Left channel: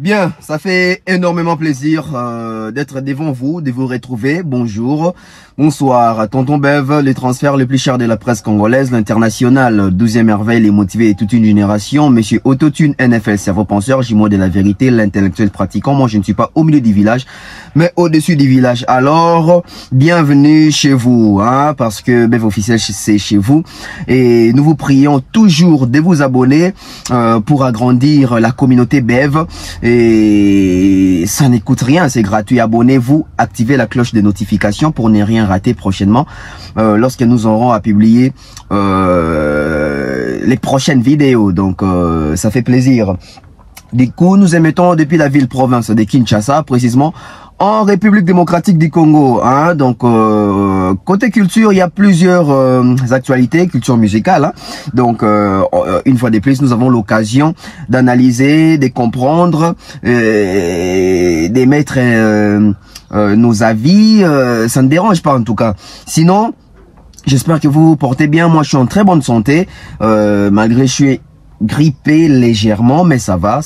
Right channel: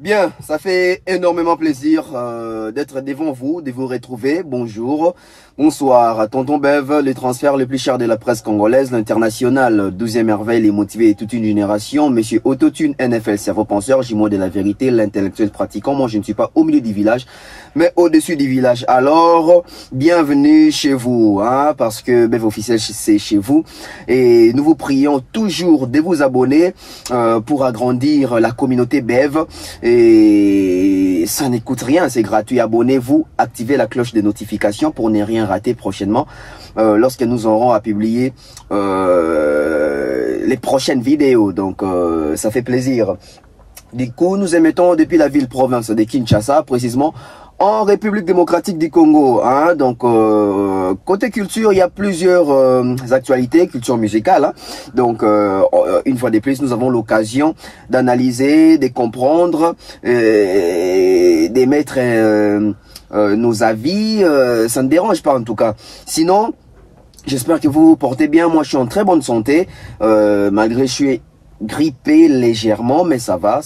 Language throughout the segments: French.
Bien, ça fait énormément plaisir d'être devant vous, de vous retrouver. Bonjour, bonsoir. Tonton Bev, les transferts les plus chers de la presse congolaise, l'international, 12e merveille, les motivés et toute une génération. Monsieur Autotune, NFL, cerveau penseur, jumeau de la vérité, l'intellectuel pratiquant. Moi, je ne suis pas au milieu du village, mais au-dessus du village. Alors, bienvenue chez vous, hein, parce que Bev officiel, c'est chez vous. Et nous vous prions toujours de vous abonner pour agrandir la communauté Bev. Et ça ne coûte rien, c'est gratuit. Abonnez-vous, activez la cloche de notification pour ne rien rater prochainement lorsque nous aurons à publier les prochaines vidéos. Donc ça fait plaisir. Du coup, nous émettons depuis la ville-province de Kinshasa, précisément en République démocratique du Congo, hein. Donc côté culture, il y a plusieurs actualités, culture musicale, hein. Donc une fois de plus, nous avons l'occasion d'analyser, de comprendre, d'émettre nos avis. Ça ne dérange pas en tout cas. Sinon, j'espère que vous vous portez bien. Moi, je suis en très bonne santé, malgré je suis grippé légèrement, mais ça va,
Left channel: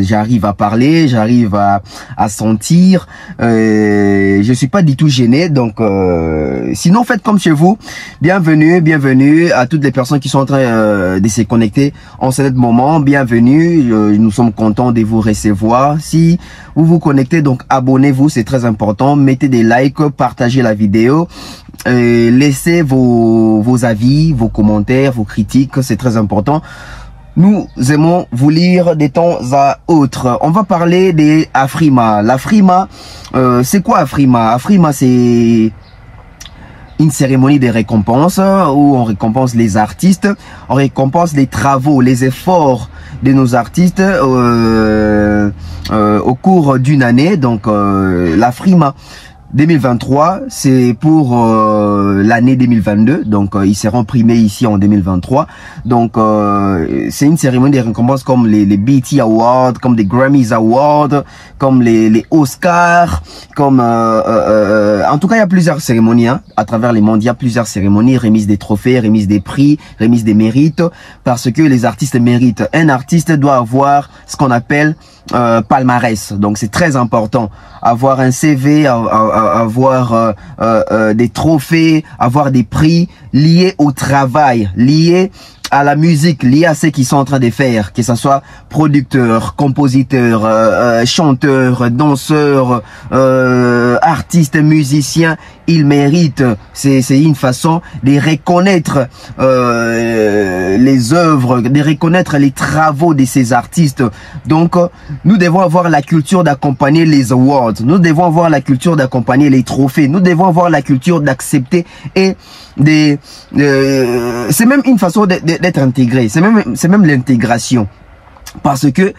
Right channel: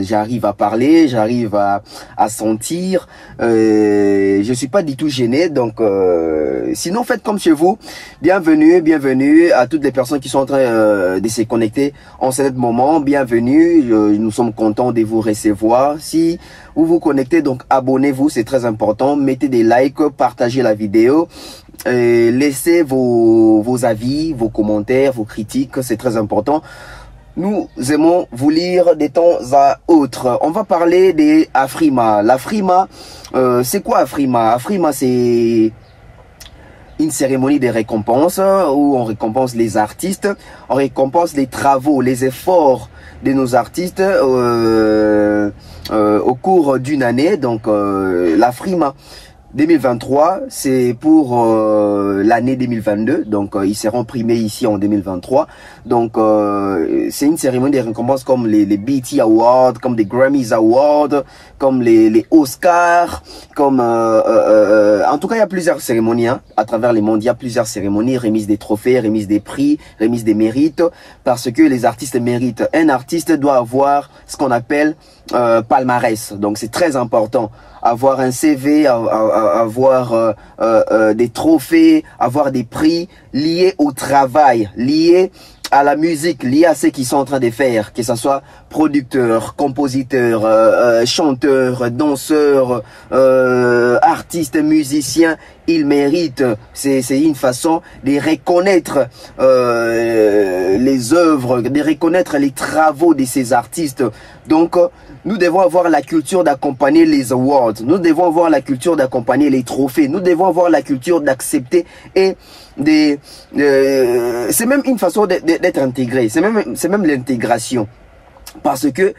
j'arrive à parler, j'arrive à sentir, je suis pas du tout gêné, donc sinon faites comme chez vous. Bienvenue à toutes les personnes qui sont en train de se connecter en ce moment, bienvenue, nous sommes contents de vous recevoir. Si vous vous connectez, donc abonnez-vous, c'est très important, mettez des likes, partagez la vidéo, laissez vos avis, vos commentaires, vos critiques, c'est très important. Nous aimons vous lire de temps à autre. On va parler des Afrima. L'Afrima, c'est quoi Afrima? Afrima, c'est une cérémonie de récompense où on récompense les artistes, on récompense les travaux, les efforts de nos artistes au cours d'une année. Donc l'Afrima 2023, c'est pour l'année 2022, donc ils seront primés ici en 2023. Donc c'est une cérémonie de récompenses comme les BET Awards, comme les Grammys Awards, comme les Oscars, comme en tout cas il y a plusieurs cérémonies, hein, à travers les mondes. Il y a plusieurs cérémonies, remise des trophées, remise des prix, remise des mérites, parce que les artistes méritent. Un artiste doit avoir ce qu'on appelle palmarès, donc c'est très important. Avoir un CV, avoir des trophées, avoir des prix liés au travail, liés à la musique, liés à ce qu'ils sont en train de faire, que ce soit producteurs, compositeurs, chanteurs, danseurs, artistes, musiciens, ils méritent. C'est une façon de reconnaître les œuvres, de reconnaître les travaux de ces artistes. Donc, nous devons avoir la culture d'accompagner les awards. Nous devons avoir la culture d'accompagner les trophées. Nous devons avoir la culture d'accepter et c'est même une façon d'être intégré. C'est même l'intégration. Parce que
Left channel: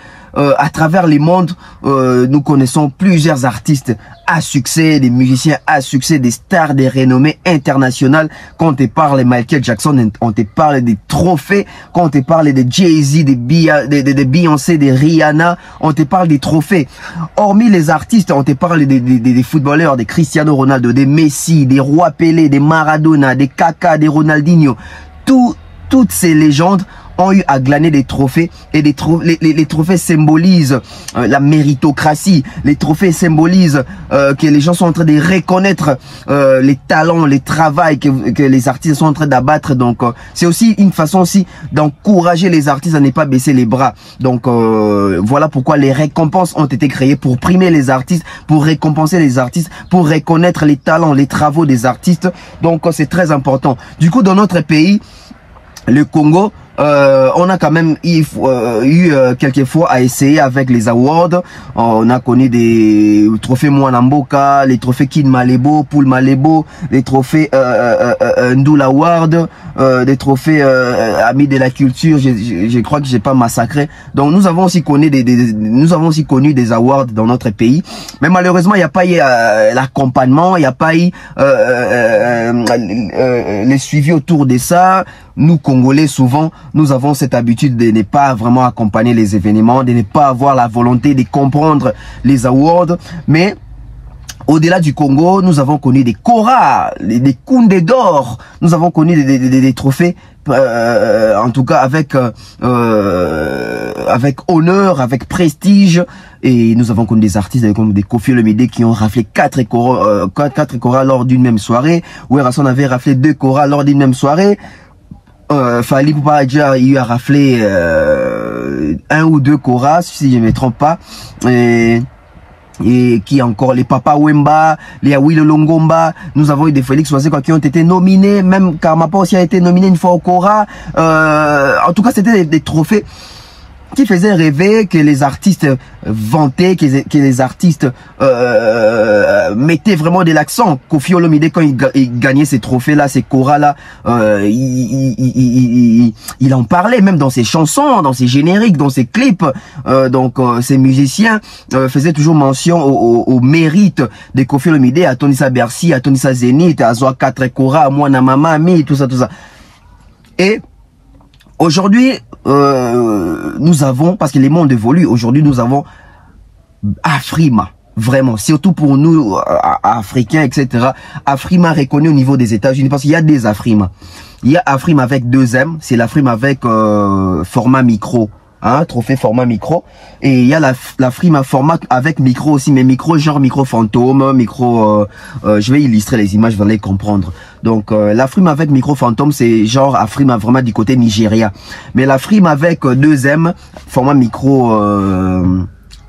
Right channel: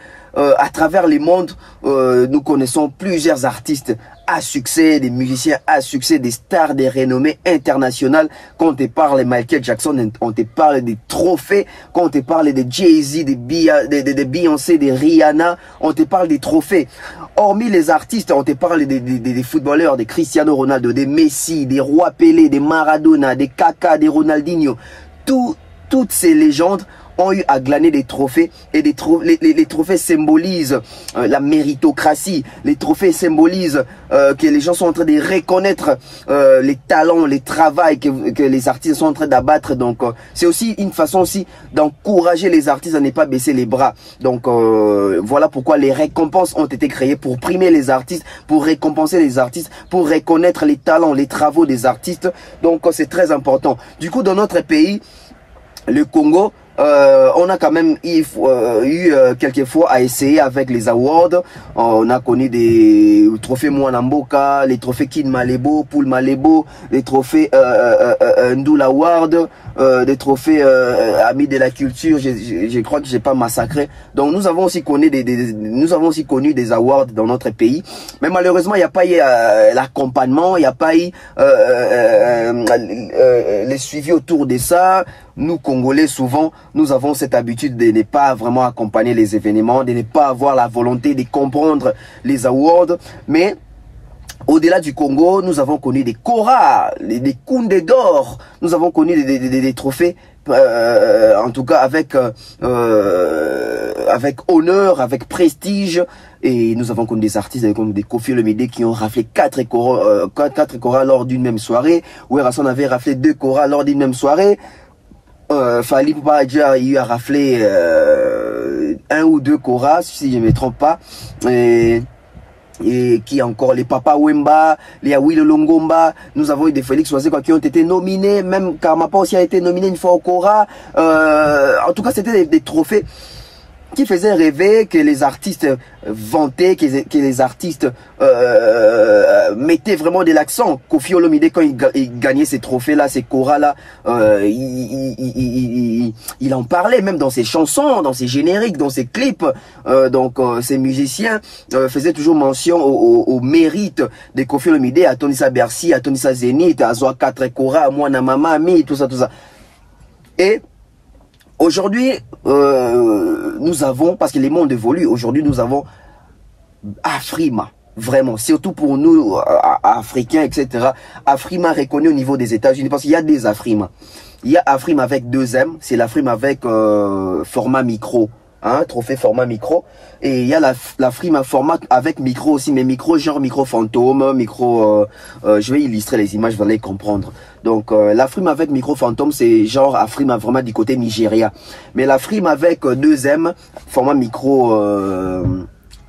à travers les mondes, nous connaissons plusieurs artistes à succès, des musiciens à succès, des stars, des renommées internationales. Quand on te parle de Michael Jackson, on te parle des trophées. Quand on te parle de Jay-Z, de Beyoncé, de Rihanna, on te parle des trophées. Hormis les artistes, on te parle des footballeurs, des Cristiano Ronaldo, des Messi, des Roy Pelé, des Maradona, des Kaka, des Ronaldinho. Toutes ces légendes ont eu à glaner des trophées, et les trophées symbolisent la méritocratie. Les trophées symbolisent que les gens sont en train de reconnaître les talents, les travails que les artistes sont en train d'abattre. Donc c'est aussi une façon aussi d'encourager les artistes à ne pas baisser les bras. Donc voilà pourquoi les récompenses ont été créées, pour primer les artistes, pour récompenser les artistes, pour reconnaître les talents, les travaux des artistes. Donc c'est très important. Du coup, dans notre pays, le Congo, on a quand même eu quelques fois à essayer avec les awards. On a connu des trophées Mwanamboka, les trophées Kid Malebo, Poul Malebo, les trophées Ndoul Award, des trophées Amis de la culture. Je crois que j'ai pas massacré. Donc nous avons aussi connu des awards dans notre pays, mais malheureusement il n'y a pas eu l'accompagnement, il n'y a pas eu les suivis autour de ça. Nous Congolais, souvent nous avons cette habitude de ne pas vraiment accompagner les événements, de ne pas avoir la volonté de comprendre les awards. Mais au-delà du Congo, nous avons connu des Cora, des Koundé d'or, nous avons connu des trophées en tout cas avec honneur, avec prestige. Et nous avons comme des artistes comme des Koffi Olomide qui ont raflé 4 Cora lors d'une même soirée. Werrason avait raflé 2 Cora lors d'une même soirée. Fally Ipupa déjà il a raflé 1 ou 2 Cora si je ne me trompe pas. Et qui encore les Papa Wemba, les Awilo Longomba, nous avons eu des Félix Oisé qui ont été nominés, même Karmapa aussi a été nominé une fois au Cora. En tout cas c'était des trophées qui faisait rêver, que les artistes vantaient, que les artistes mettaient vraiment de l'accent. Koffi Olomide, quand il gagnait ces trophées-là, ces Cora-là, il en parlait même dans ses chansons, dans ses génériques, dans ses clips. Donc ces musiciens faisaient toujours mention au mérite de Koffi Olomide, à Tonissa Bercy, à Tonissa Zénith, à Zoa 4 Cora, à Mwana Mama, Mi, tout ça, tout ça. Et aujourd'hui, nous avons, parce que les mondes évoluent, aujourd'hui nous avons Afrima, vraiment, surtout pour nous, Africains, etc. Afrima reconnu au niveau des États-Unis, parce qu'il y a des Afrima. Il y a Afrima avec 2 M, c'est l'Afrima avec format micro. Hein, trophée format micro, et il y a la Frima format avec micro aussi, mais micro genre micro fantôme, micro je vais illustrer les images, vous allez comprendre. Donc la Frima avec micro fantôme, c'est genre Afrima vraiment du côté Nigeria, mais la Frima avec 2M format micro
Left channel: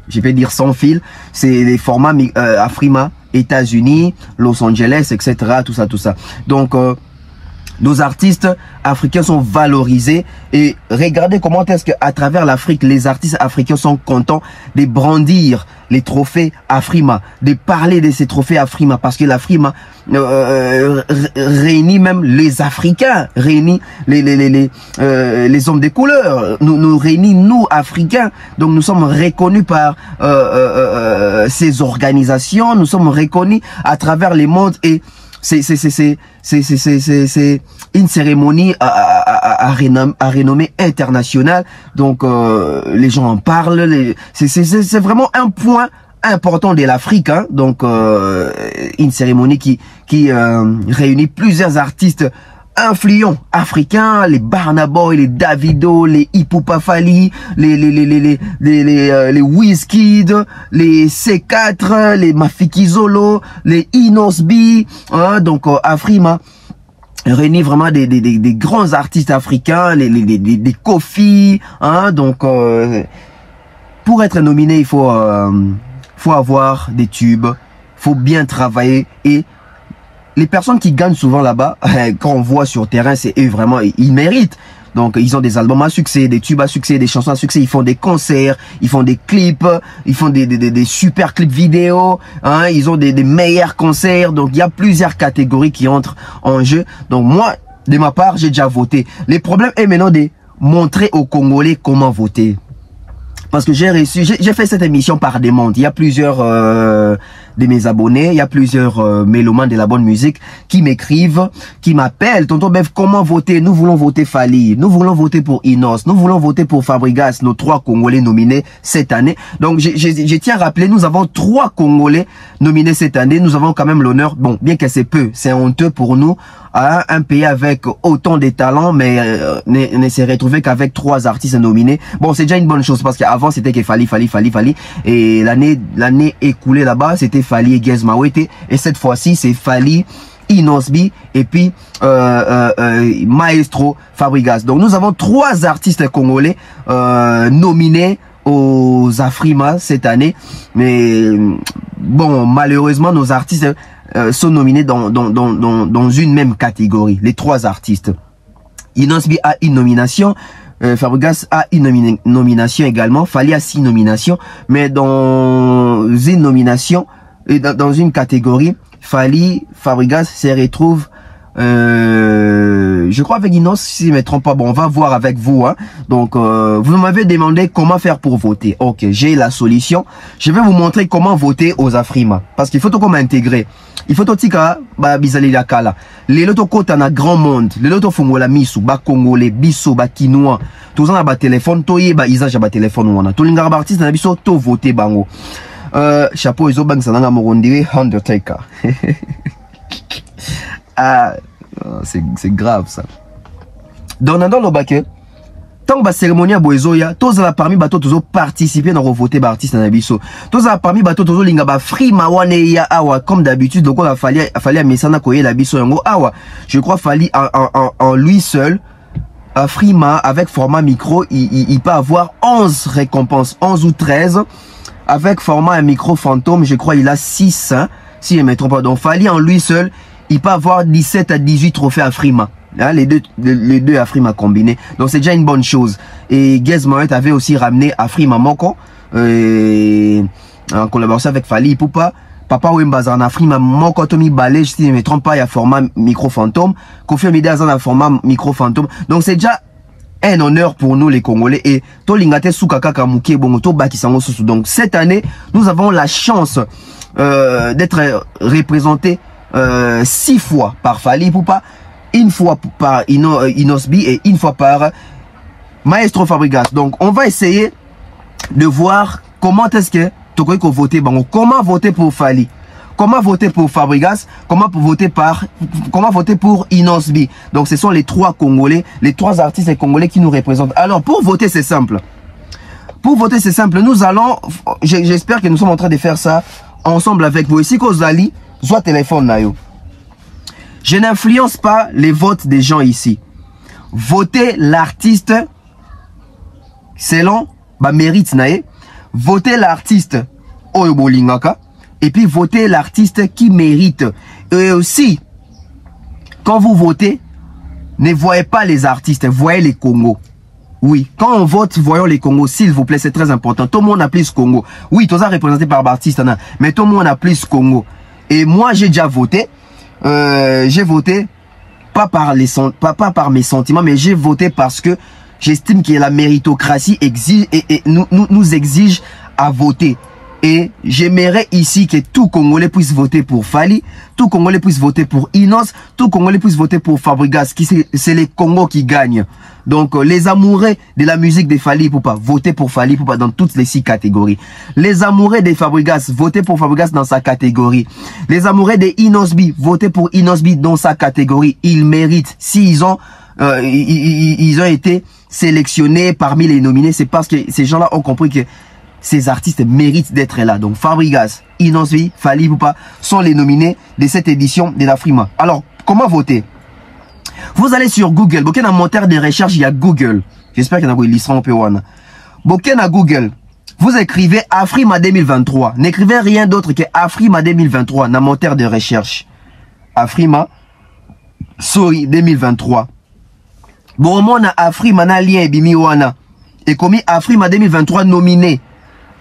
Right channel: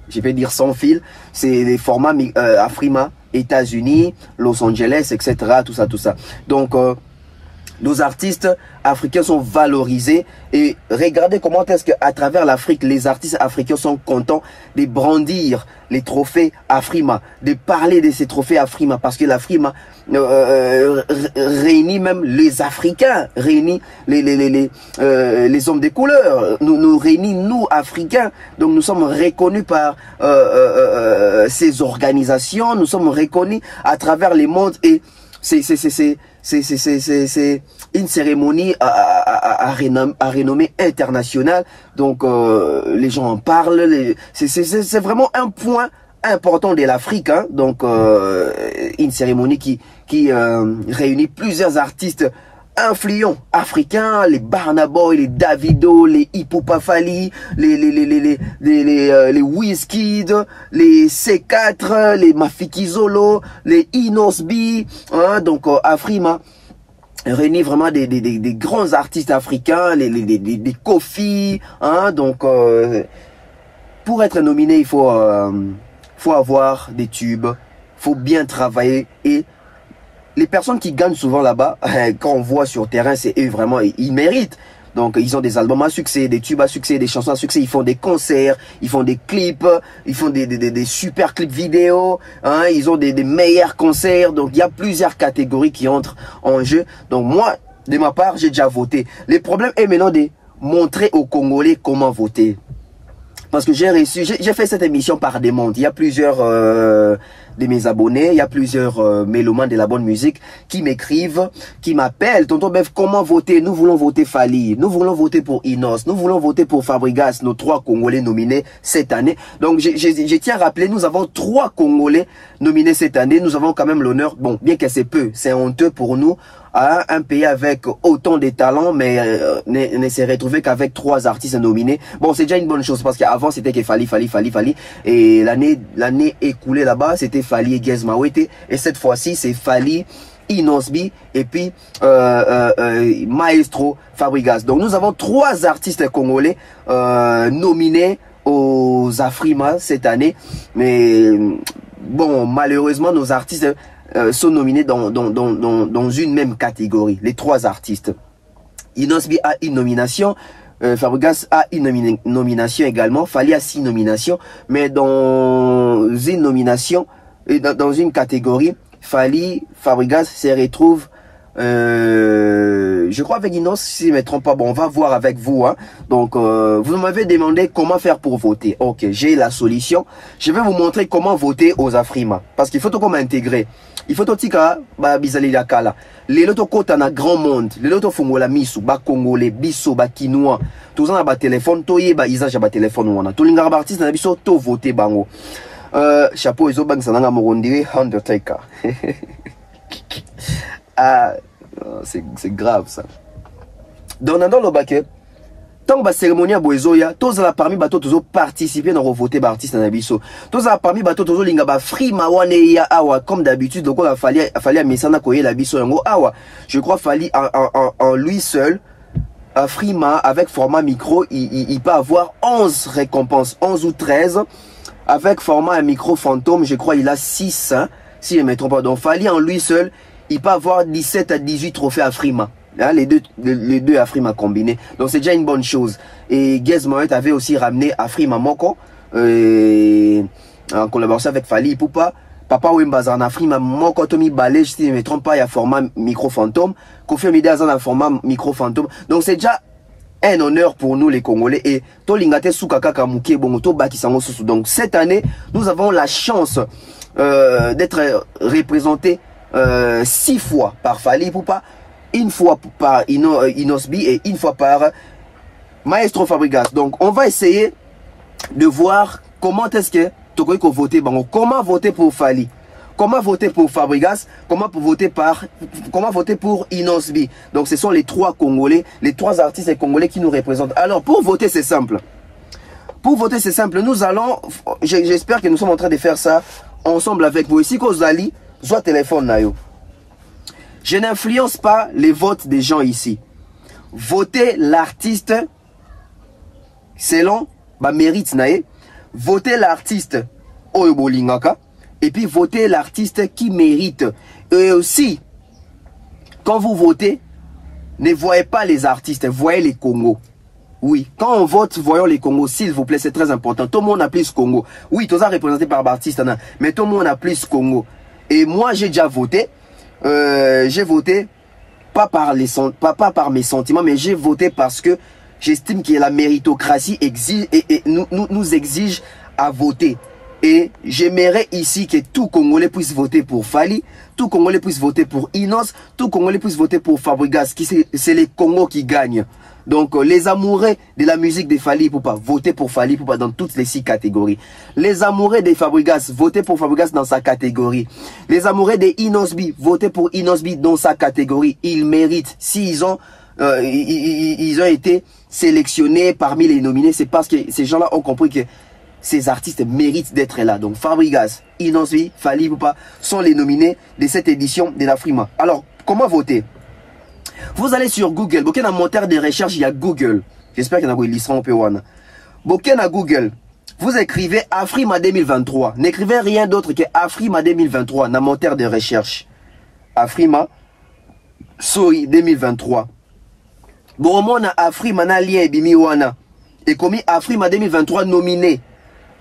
je vais dire sans fil, c'est les formats Afrima États-Unis, Los Angeles, etc., tout ça. Donc nos artistes africains sont valorisés, et regardez comment est-ce qu'à travers l'Afrique, les artistes africains sont contents de brandir les trophées Afrima, de parler de ces trophées Afrima, parce que l'Afrima réunit même les Africains, réunit les hommes de couleur, nous réunit nous Africains, donc nous sommes reconnus par ces organisations, nous sommes reconnus à travers les mondes, et c'est une cérémonie à renommée internationale. Donc les gens en parlent. C'est vraiment un point important de l'Afrique. Hein. Donc une cérémonie qui réunit plusieurs artistes influents africains, les Burna Boy, les Davido, les Ipupa Fally, les Wizkid, les C4, les Mafiki Zolo, les Inosbi, hein, donc Afrima réunit vraiment des grands artistes africains, des Koffi, hein, donc pour être nominé, il faut avoir des tubes, faut bien travailler, et les personnes qui gagnent souvent là-bas, quand on voit sur terrain, c'est eux vraiment, ils méritent. Donc ils ont des albums à succès, des tubes à succès, des chansons à succès, ils font des concerts, ils font des clips, ils font des super clips vidéo, hein, ils ont des meilleurs concerts. Donc il y a plusieurs catégories qui entrent en jeu. Donc moi, de ma part, j'ai déjà voté. Le problème est maintenant de montrer aux Congolais comment voter. Parce que j'ai fait cette émission par demande. Il y a plusieurs de mes abonnés, il y a plusieurs mélomanes de la bonne musique qui m'écrivent, qui m'appellent. Tonton Bev, comment voter? Nous voulons voter Fally, nous voulons voter pour Inos, nous voulons voter pour Fabregas, nos 3 Congolais nominés cette année. Donc je tiens à rappeler, nous avons 3 Congolais nominés cette année. Nous avons quand même l'honneur, bon, bien que c'est peu, c'est honteux pour nous. Un pays avec autant de talents, mais ne s'est retrouvé qu'avec 3 artistes nominés. Bon, c'est déjà une bonne chose, parce qu'avant c'était que Fally. Et l'année écoulée là-bas, c'était Fally et Gez Mawete. Et cette fois-ci, c'est Fally, Inosbi et puis Maestro Fabregas. Donc nous avons 3 artistes congolais nominés aux Afrima cette année. Mais bon, malheureusement, nos artistes sont nominés dans une même catégorie, les 3 artistes. Inosbi a une nomination, Fabregas a une nomination également, Fally a 6 nominations, mais dans une nomination, et dans une catégorie, Fally, Fabregas se retrouve, je crois avec Inos, si je ne me trompe pas. Bon, on va voir avec vous. Hein. Donc, vous m'avez demandé comment faire pour voter. Ok, j'ai la solution. Je vais vous montrer comment voter aux Afrima. Parce qu'il faut tout comme intégrer. Il faut tout tika ba bizali la kala. Les loto kota na grand monde. Les loto fungola misu ba congolais, biso ba kinois. Tous on a ba téléphone, toye ba isage ba téléphone wana. Tous les artistes na biso to voter bango. Chapeau izo bang sananga morondiri Undertaker. Ah, c'est grave ça. Donc dans le bac, tant que cérémonie à Boezoya, tous la parmi bateau tous participer dans voter par artiste na biso. Tous la parmi bateau tous linga ba free mawane ya awa comme d'habitude donc on a fallu mesana koye la biso yango awa. Je crois fallu en lui seul à Frima avec format micro, il peut avoir 11 récompenses, 11 ou 13 avec format micro fantôme, je crois il a 6 hein, si je ne me trompe pas. Donc fallu en lui seul, il peut avoir 17 à 18 trophées à Frima. Hein, les deux Afrima combinés. Donc c'est déjà une bonne chose. Et Gez Moët avait aussi ramené Afrima Moko en collaboration avec Fali Ipupa. Papa Wembazan Afrima Moko Tomi Balej, si je ne me trompe pas, il y a format micro fantôme. Kofi Olomide a format micro fantôme. Donc c'est déjà un honneur pour nous les Congolais. Et Tolingate Soukaka Kamuke Bongoto Bakisango Sousou. Donc cette année, nous avons la chance d'être représentés 6 fois par Fali Ipupa. Une fois par Inosbi et une fois par Maestro Fabregas. Donc on va essayer de voir comment est-ce que Tokoy ko voter bon, comment voter pour Fali, comment voter pour Fabregas, comment voter pour Inosbi. Donc ce sont les 3 Congolais, les 3 artistes congolais qui nous représentent. Alors pour voter c'est simple. Pour voter c'est simple. Nous allons, j'espère que nous sommes en train de faire ça ensemble avec vous. Ici Kozali, soit téléphone na yo. Je n'influence pas les votes des gens ici. Votez l'artiste selon ba mérite nae. Votez l'artiste Oyobolingaka. Et puis votez l'artiste qui mérite. Et aussi, quand vous votez, ne voyez pas les artistes, voyez les Congos. Oui, quand on vote, voyons les Congos, s'il vous plaît, c'est très important. Tout le monde a plus Congo. Oui, tout ça représenté par l'artiste, mais tout le monde a plus Congo. Et moi, j'ai déjà voté. J'ai voté pas par mes sentiments, mais j'ai voté parce que j'estime que la méritocratie exige et nous exige à voter. Et j'aimerais ici que tout Congolais puisse voter pour Fali, tout Congolais puisse voter pour Inos, tout Congolais puisse voter pour Fabregas, c'est les Congos qui gagnent. Donc les amoureux de la musique de Fali Ipupa, voter pour Fali Ipupa dans toutes les 6 catégories. Les amoureux de Fabregas, voter pour Fabregas dans sa catégorie. Les amoureux de Inosbi, voter pour Inosbi dans sa catégorie. Ils méritent. S'ils ont ils ont été sélectionnés parmi les nominés, c'est parce que ces gens-là ont compris que ces artistes méritent d'être là. Donc Fabregas, Inosbi, Fali Ipupa sont les nominés de cette édition de la Frima. Alors, comment voter? Vous allez sur Google. Boken a moteur de recherche, il y a Google. J'espère qu'il y en a qui lisseront un peu. Boken à Google. Vous écrivez Afrima 2023. N'écrivez rien d'autre que Afrima 2023 dans moteur de recherche. Afrima, sorry, 2023. Bon, on a Afrima na lien et bimiwana. Et commis Afrima 2023 nominé.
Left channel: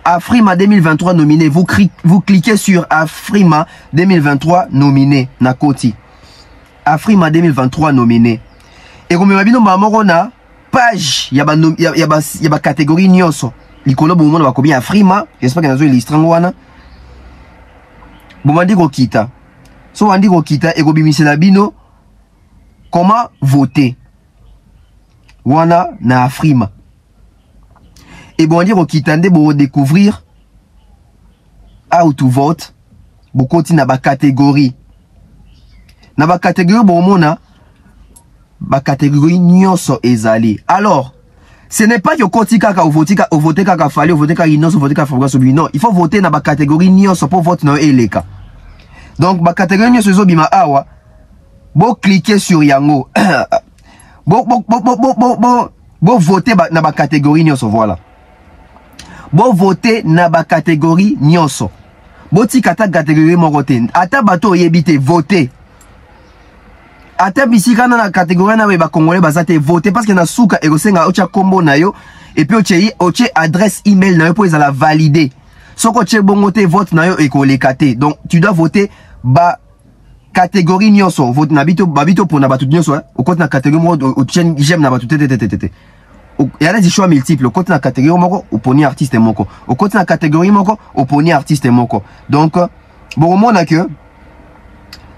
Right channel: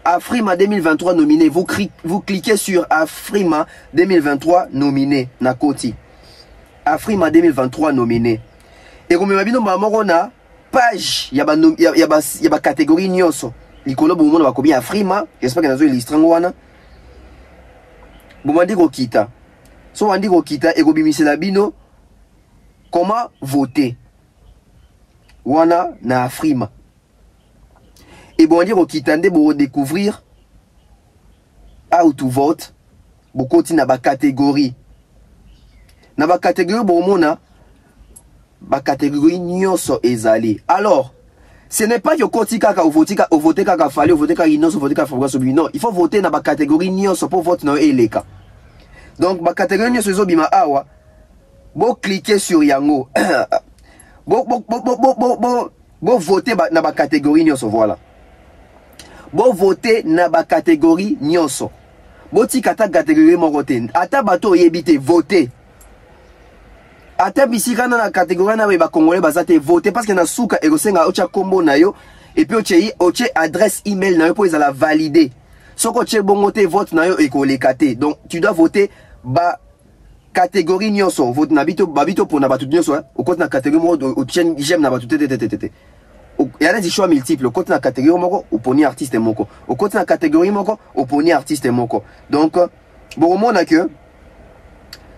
Afrima 2023 nominé. Vous cliquez sur Afrima 2023 nominé. Nakoti. Afrima 2023 nominé. Et comme on a page, il y a catégorie nyonso. Likolo bon monde va combien Afrima, j'espère que nous avons l'istrango wana. Bon mandi ko kita. So mandi ko kita et ko bimisela bino comment voter. Wana na Afrima. Et bon dire ko kita nde bo découvrir how to vote. Bo continue na ba catégorie. Na ba catégorie bon mona ba catégorie nyonso ezali. Alors, ce n'est pas que koti kaka ou voter kaka Fali ou voter kaka Inos ou voter kaka Fabregas. Non, il faut voter na ba catégorie nyonso pour voter na eleka. Donc ba catégorie nyonso zo bima awa. Bo cliquer sur yango. Bo voter na ba catégorie nyonso voilà. Bo voter na ba catégorie nyonso. Bo tikata catégorie morote. Ata bato yebite voter. Ata bisika na catégorie na ba congolais bazate voter parce que na souka egosenga ocha kombo na yo et puis oche adresse email na yo pour la valider. Soko che bongote vote na yo ekolekate. Donc tu dois voter ba catégorie nyonso. Vote na babito pour na batu nyonso. Au côté na catégorie mo j'aime na batu tete. Il y a des choix multiples. Au côté na catégorie moko oponi artiste moko. Au côté na catégorie moko oponi artiste moko. Donc bon on a que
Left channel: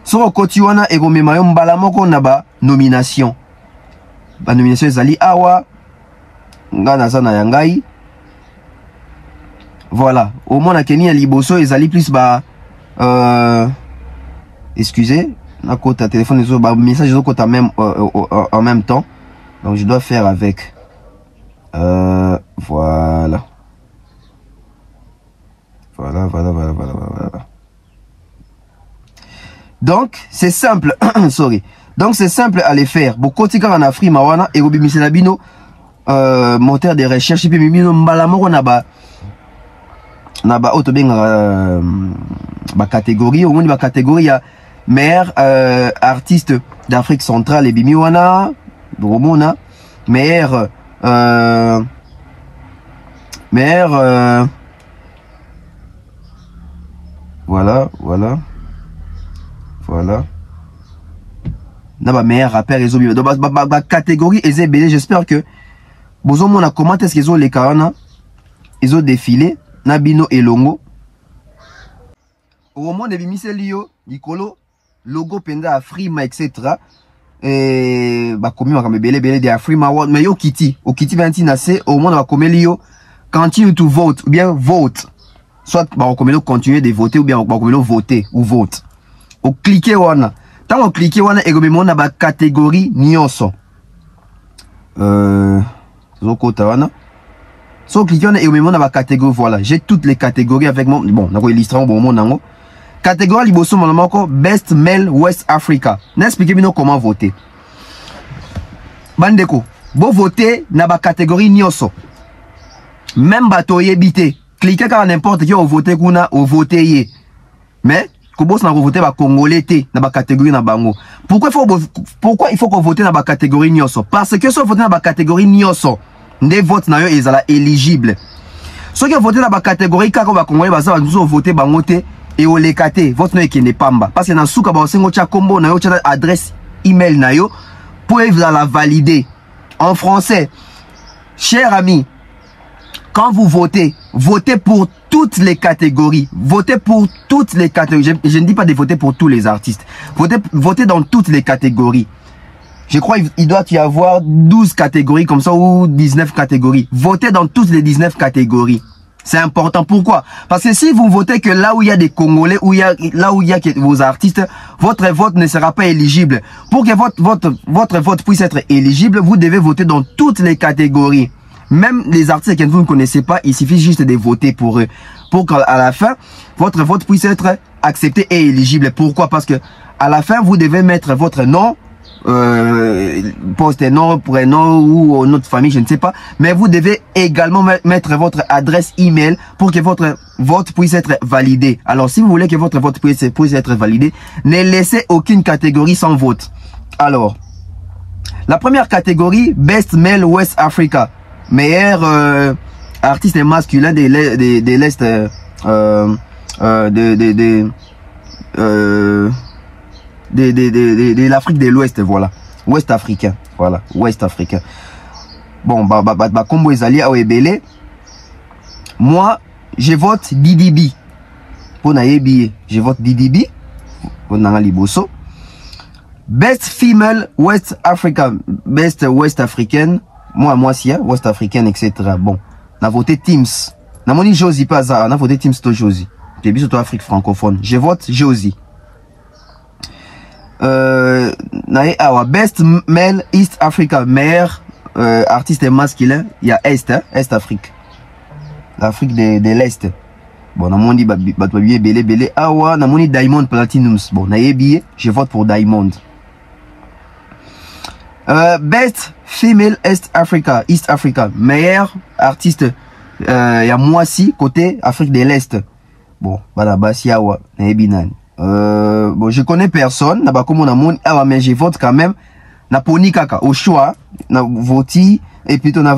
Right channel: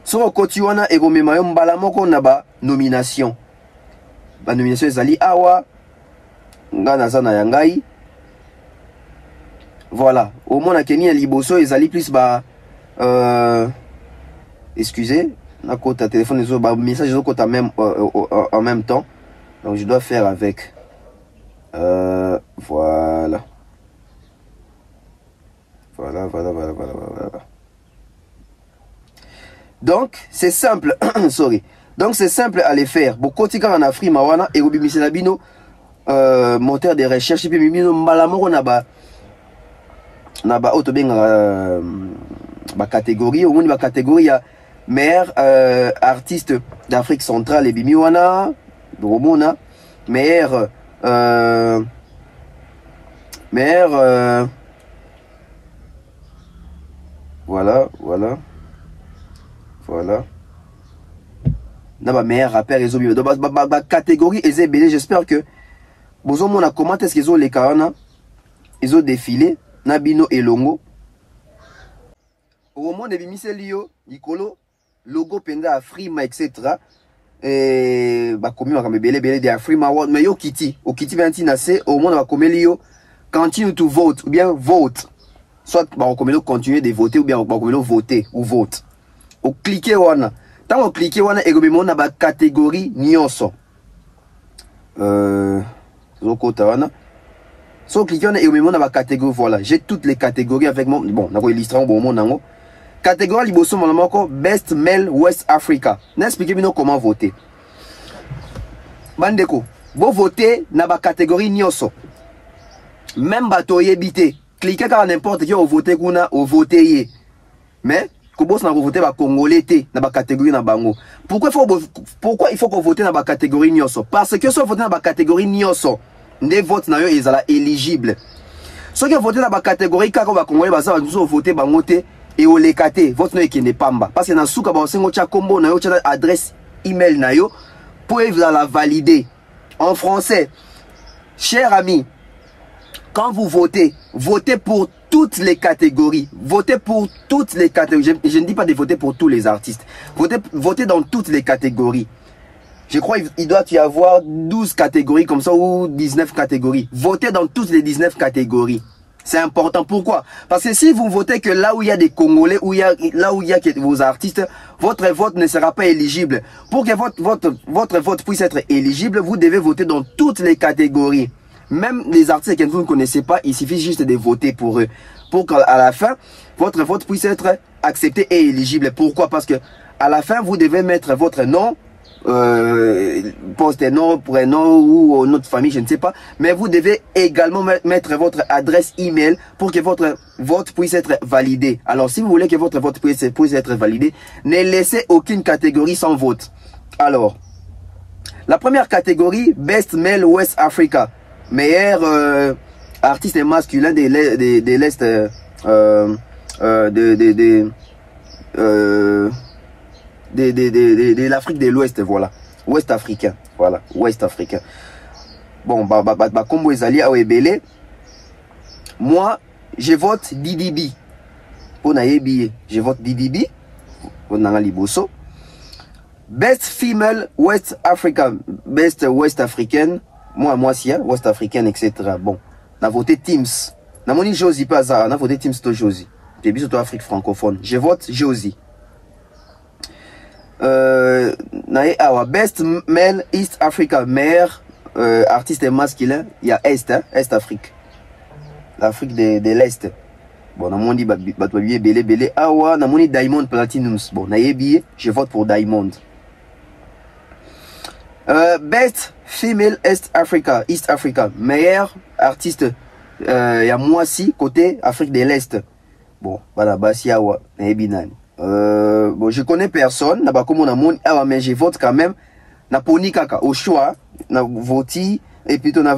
so koti wana egomema yo mbala moko na ba nomination. Ba nomination ezali awa ngana sana yangai. Voilà, au moins na Kenya liboso ezali plus ba excusez, na kota téléphone ezo ba message ezo kota même en même temps. Donc je dois faire avec. Voilà. Voilà. Donc c'est simple. Sorry. Donc c'est simple à les faire. Beaucoup de en Afrique, mawana et obi miselabino moteur de recherche et puis mimino mbalamoko naba auto benga ba catégorie au moins ba catégorie ya meilleur artiste d'Afrique centrale et bimiwana bromona meilleur voilà na meilleur rappeur les obi donc ba catégorie ezebele. J'espère que bozo mona comment est-ce qu'ils ont les carana ils ont défilé nabino elongo au moment de bimiselio Nicolo logo penga Afrima etc. Et bah comme on va bele de Afrima world mais yo kiti au kiti ventina c'est au moment va comme lio continue to vote ou bien vote soit bah comme le continuer de voter ou bien bah comme le voter ou vote au cliquer wana tant on cliquer wana et comme on a ba catégorie nyonso so cliquer et on a ba catégorie. Voilà, j'ai toutes les catégories avec moi. Bon nako illustrant bon mon nango catégorie liboso malamako best male West Africa. N'expliquez bien comment voter bandeko bo voter na ba catégorie nyonso même bato yebité cliquez quand n'importe qui au voter kuna au voter yé mais Kobos na voter ba congolais té na ba catégorie na bango. Pourquoi il faut qu'on vote na ba catégorie nyonso? Parce que si on vote na ba catégorie nyonso, des votes na yo ezala éligible. Ceux qui votent na ba catégorie kako ba congolais ba ça nous voter bango té et au lekate vote no ekende pamba parce que na suka ba sengo cha kombo na yo cha adresse email na yo pour la valider en français. Cher ami, quand vous votez, votez pour toutes les catégories. Votez pour toutes les catégories. Je ne dis pas de voter pour tous les artistes. Votez dans toutes les catégories. Je crois qu'il doit y avoir 12 catégories comme ça ou 19 catégories. Votez dans toutes les 19 catégories. C'est important. Pourquoi? Parce que si vous votez que là où il y a des Congolais, là où il y a vos artistes, votre vote ne sera pas éligible. Pour que votre vote puisse être éligible, vous devez voter dans toutes les catégories. Même les artistes que vous ne connaissez pas, il suffit juste de voter pour eux. Pour qu'à la fin, votre vote puisse être accepté et éligible. Pourquoi? Parce que à la fin, vous devez mettre votre nom, poste nom, prénom ou notre famille, je ne sais pas. Mais vous devez également mettre votre adresse email pour que votre vote puisse être validé. Alors, si vous voulez que votre vote puisse être validé, ne laissez aucune catégorie sans vote. Alors, la première catégorie, Best Male West Africa. Meilleur artiste masculin de l'Est de l'Afrique de l'Ouest, voilà. Ouest africain, voilà, Ouest africain. Bon, combo ezali a ebele. Moi, je vote DDB. Pour nayebi, je vote DDB. Pour nanga liboso. Best Female West Africa, Best West Africaine. Moi, si, West africaine, etc. Bon, on a voté Teams. On a voté Josie, pas ça. On a voté Teams, to Josie. J'ai vu surtout Afrique francophone. Je vote Josie. Best Male East Africa. Meilleur artiste masculin. Il y a Est Afrique. L'Afrique de l'Est. Bon, on a dit, belé. On a dit Diamond Platinums. Bon, on a billet. Je vote pour Diamond. Best Female East Africa, meilleur artiste, il y a moi si côté Afrique de l'Est. Bon, bon, je connais personne, mais je vote quand même. Na poni kaka au choix, na voté et plutôt na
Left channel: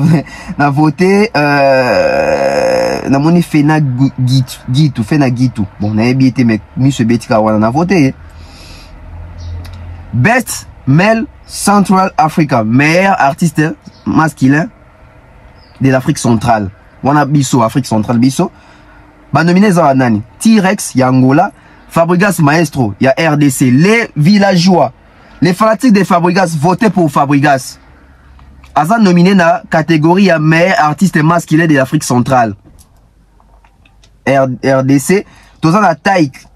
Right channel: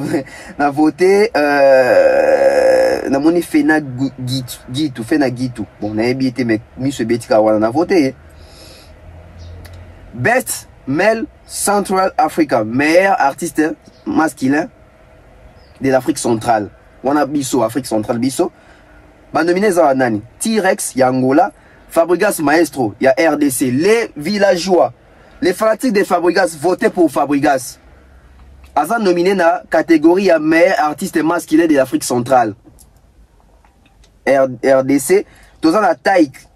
voté na moni Fena Gitu. Bon, na été mais monsieur Betika na voté. Best Male Central Africa, meilleur artiste masculin de l'Afrique centrale. On a Bisso, Afrique centrale, Bisso. Bah, nominé Zaranani. T-Rex, y a Angola. Fabregas Maestro, y a RDC. Les villageois, les fanatiques de Fabregas, votez pour Fabregas. Azan nominé na catégorie ya meilleur artiste masculin de l'Afrique centrale. RDC. Tozan a Taïk